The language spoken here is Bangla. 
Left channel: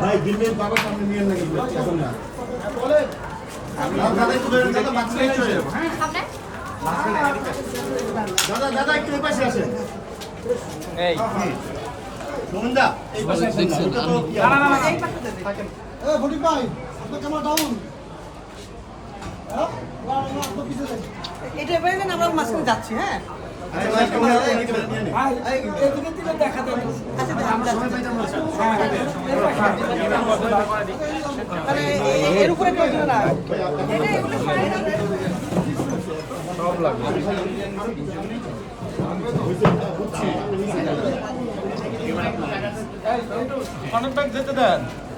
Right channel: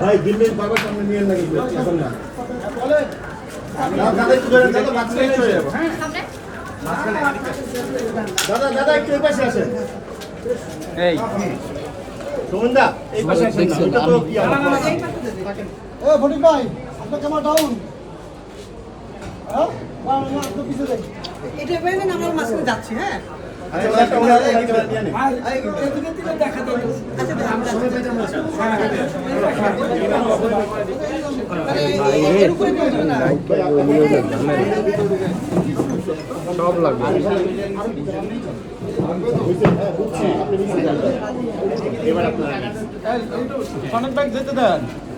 ভাই দিল্লির বাবা সামনে নিয়ে লাগবে এখন না বলে দাদা একটু বেরোন দাদা মাঝখানে চলে যাবো হ্যাঁ দাদা দাদা একটু এই পাশে আসেন এই সুমনদা এই পাশে আসেন এটা তো না না না এই পাশে থাকেন এ ফটিক ভাই আপনার ক্যামেরা ডাউন হ্যাঁ এটা বাইরে না আমরা মাঝখানে যাচ্ছি হ্যাঁ আচ্ছা ভাই ক্যামেরা নিয়ে নেন ভাই এদিকে থেকে দেখা দেন আচ্ছা আমরা সবাই বাইরে আমরা আরে এর উপরে কেউ দিবে না এটা একটু ফাইন এবার আপনারা অনেক ব্যাগ যেতে দেন